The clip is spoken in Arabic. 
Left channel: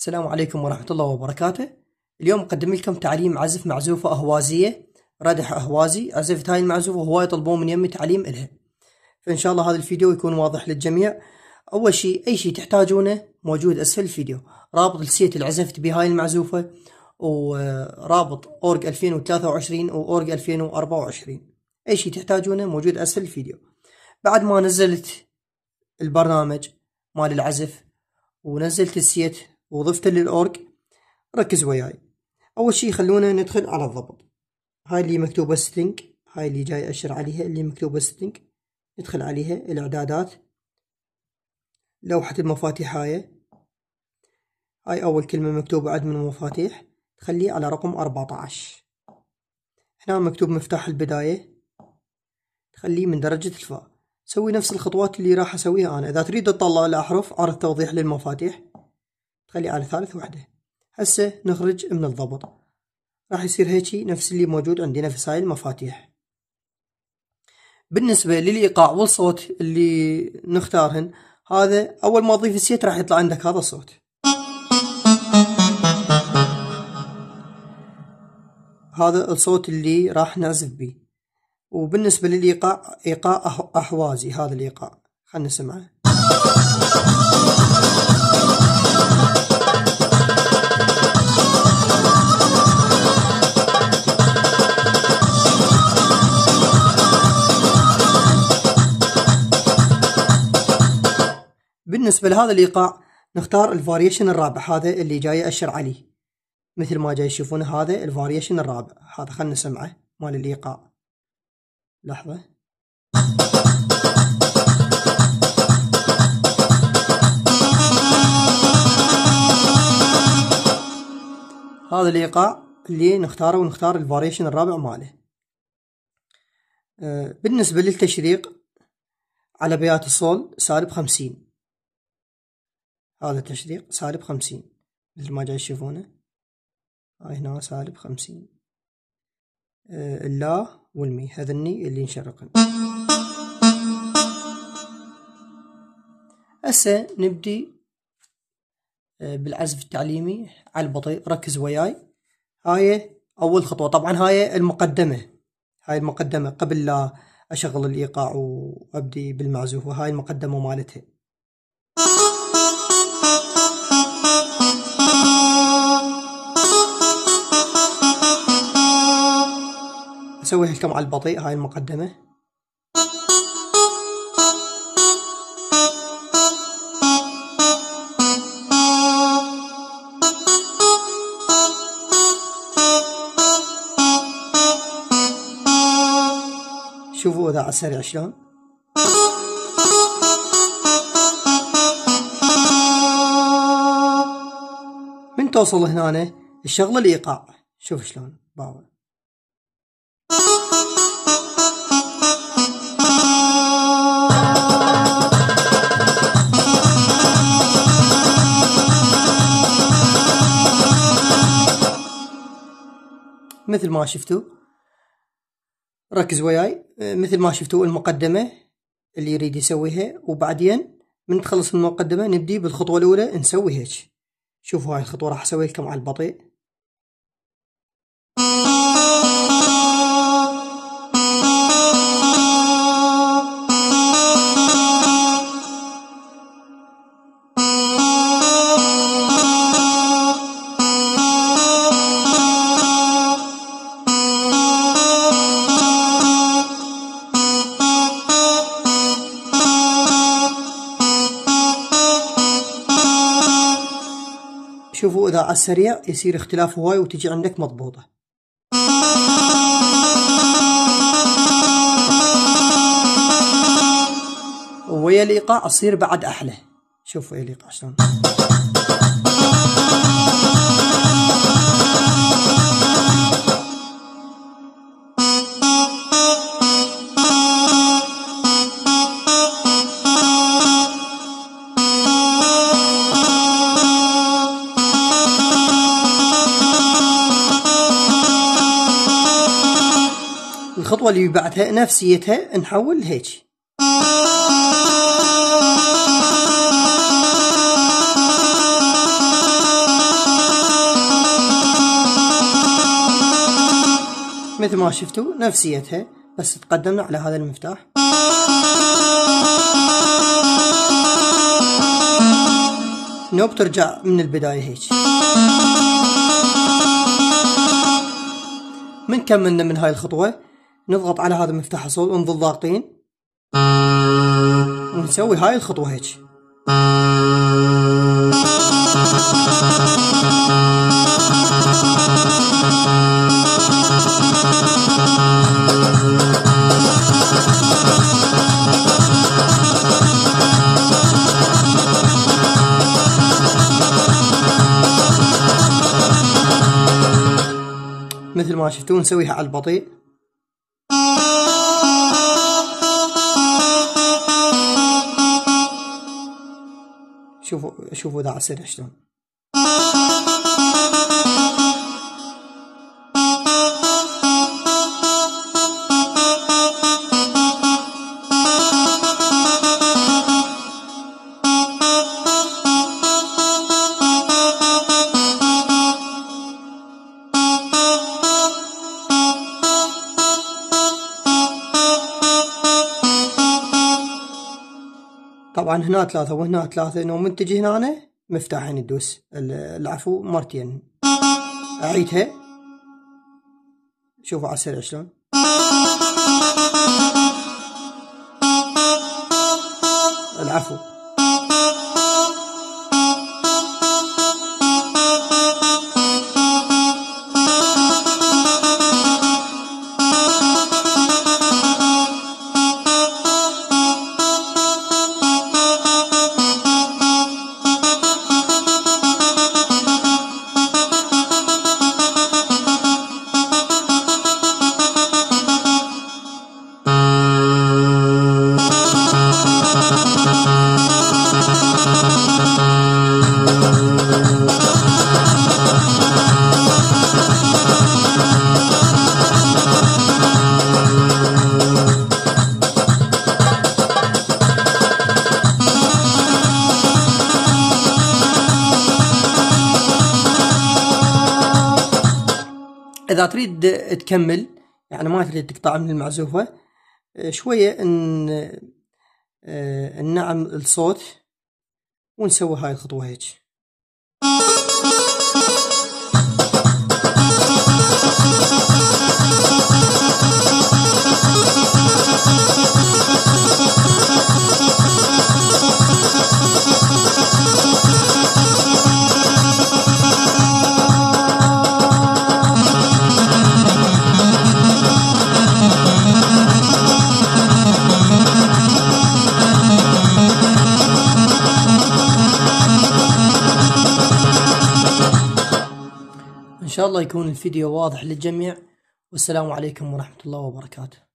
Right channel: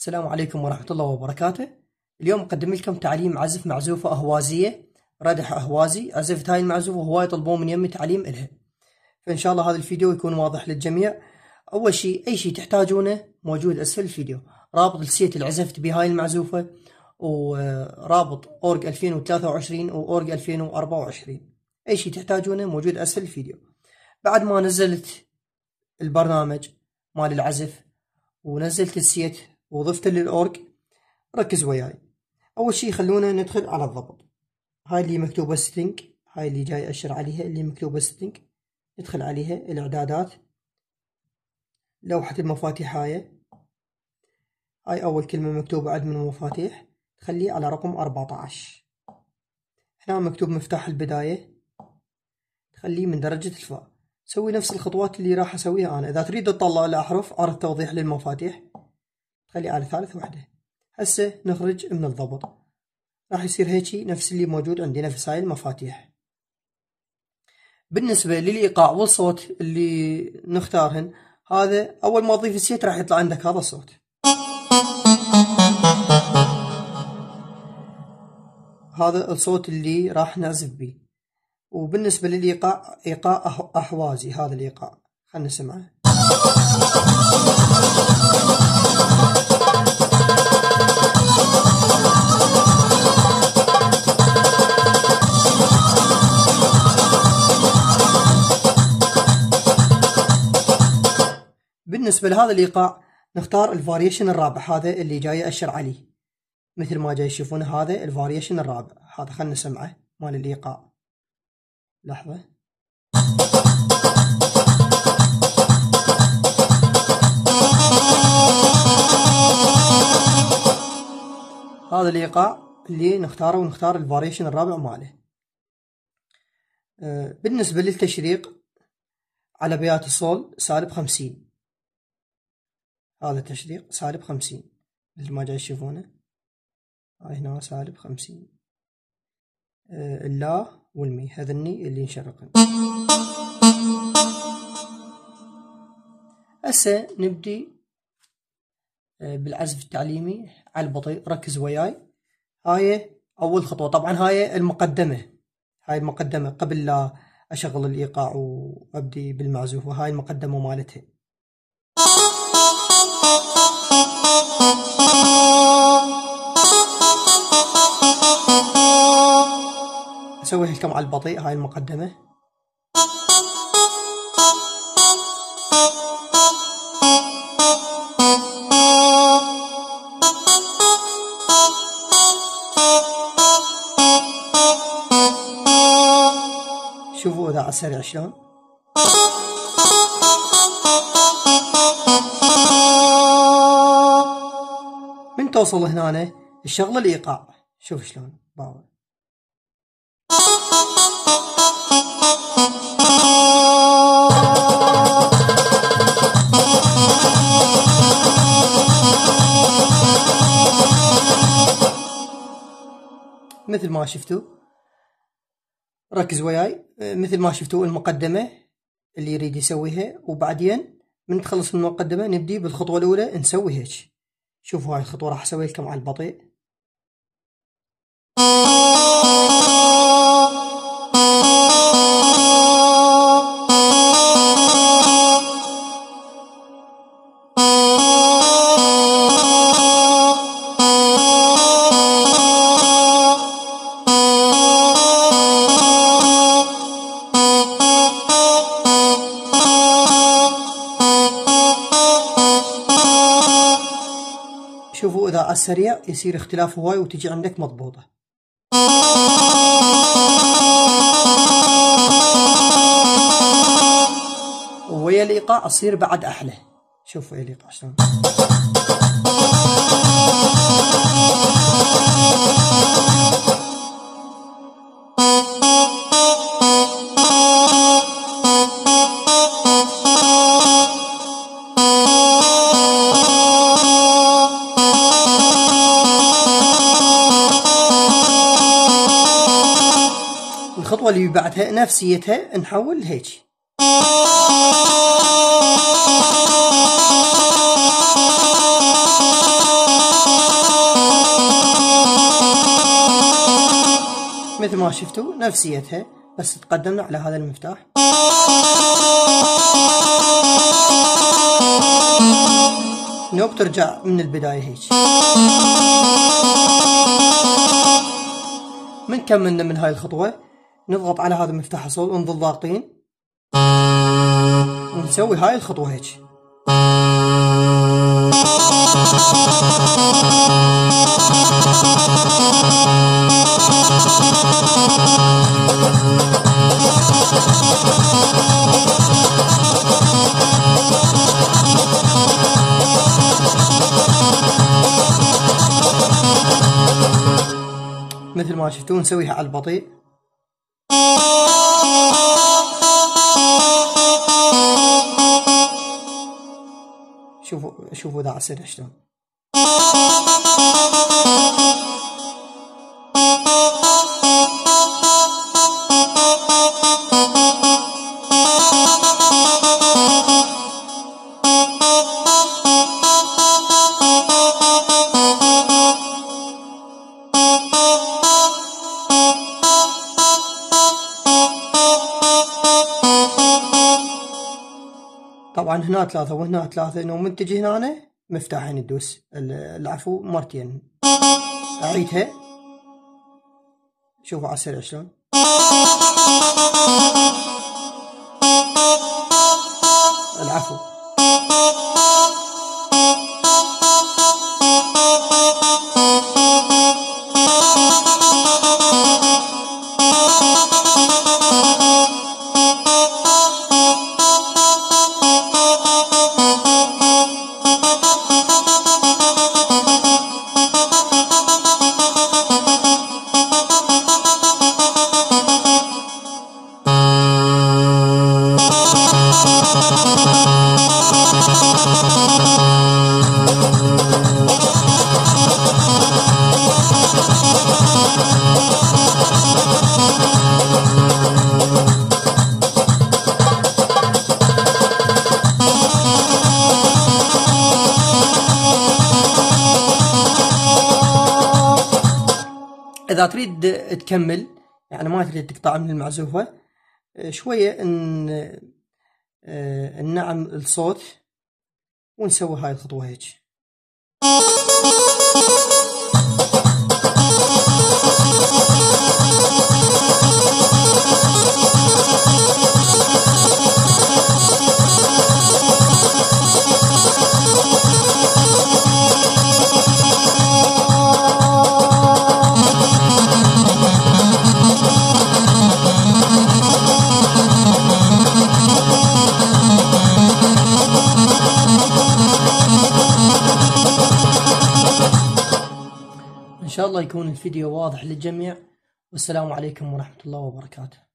السلام عليكم ورحمة الله وبركاته. اليوم مقدم لكم تعليم عزف معزوفة أهوازية، ردح أهوازي. عزفت هاي المعزوفة وهواي يطلبون من يمي تعليم إلها، فإن شاء الله هذا الفيديو يكون واضح للجميع. أول شيء أي شيء تحتاجونه موجود أسفل الفيديو، رابط السيت اللي عزفت بهاي المعزوفة، ورابط أورج 2023 وأورج 2024. أي شيء تحتاجونه موجود أسفل الفيديو. بعد ما نزلت البرنامج مال العزف ونزلت السيت وضفته للأورج، ركز وياي. أول شي خلونا ندخل على الضبط. هاي اللي مكتوبة ستينج، هاي اللي جاي أشر عليها اللي مكتوبة ستينج، ندخل عليها الإعدادات، لوحة المفاتيح. هاي أول كلمة مكتوبة عدد من المفاتيح، تخليه على رقم 14. هنا مكتوب مفتاح البداية، تخليه من درجة الفاء. سوي نفس الخطوات اللي راح أسويها أنا. إذا تريد تطلع الأحرف عرض توضيح للمفاتيح، تخليه على ثالث وحدة. هسه نخرج من الضبط، راح يصير هيجي نفس اللي موجود عندنا في هاي المفاتيح. بالنسبة للإيقاع والصوت اللي نختارهن، هذا أول ما تضيف السيت راح يطلع عندك هذا الصوت. هذا الصوت اللي راح نعزف به. وبالنسبة للإيقاع، إيقاع أحوازي، هذا الإيقاع خلنا نسمعه. بالنسبة لهذا الإيقاع نختار الفاريشن الرابع، هذا اللي جاي أشر عليه مثل ما جاي تشوفونه. هذا الفاريشن الرابع، هذا خلنا نسمعه مال الإيقاع. لحظة. هذا الإيقاع اللي نختاره، ونختار الفاريشن الرابع ماله. بالنسبة للتشريق على بيات الصول -50. هذا التشريق -50 مثل ما جاي تشوفونه. هاي هنا -50. اللا والمي هذني اللي نشرقن. هسه نبدي بالعزف التعليمي على البطيء. ركز وياي. هاي أول خطوة، طبعا هاي المقدمة، هاي المقدمة قبل لا أشغل الإيقاع وأبدي بالمعزوفة. هاي المقدمة مالتها. أسويها لكم على البطيء. هاي المقدمة. شوفوا إذا على السريع شلون. من توصل هنا الشغل الإيقاع، شوف شلون باور. مثل ما شفتوا، ركز وياي. مثل ما شفتوا المقدمة اللي يريد يسويها، وبعدين من تخلص من المقدمة نبدي بالخطوة الأولى نسوي هيك. شوفوا هاي الخطوة راح أسوي لكم على البطيء. شوفوا إذا على السريع يصير اختلاف هواي وتجي عندك مضبوطة. ويا الإيقاع تصير بعد أحلى. شوفوا ويا الإيقاع شلون. الخطوة اللي بعدها نفسيتها نحول هيك. مثل ما شفتوا نفسيتها، بس تقدمنا على هذا المفتاح. نوب ترجع من البداية هيك. من كملنا من هاي الخطوة نضغط على هذا المفتاح الصوت ونظل ضاغطين ونسوي هاي الخطوة هيك. مثل ما شفتوا نسويها على البطيء. شوفوا ذا عسير شلون. طبعا هنا 3 وهنا 3، انه من تجي هنا مفتاحين تدوس العفو مرتين. اعيدها، شوفوا على السريع شلون. العفو. إذا تريد تكمل يعني ما تريد تقطع من المعزوفة شوية ننعم الصوت ونسوي هاي الخطوة هيك. إن شاء الله يكون الفيديو واضح للجميع، والسلام عليكم ورحمة الله وبركاته.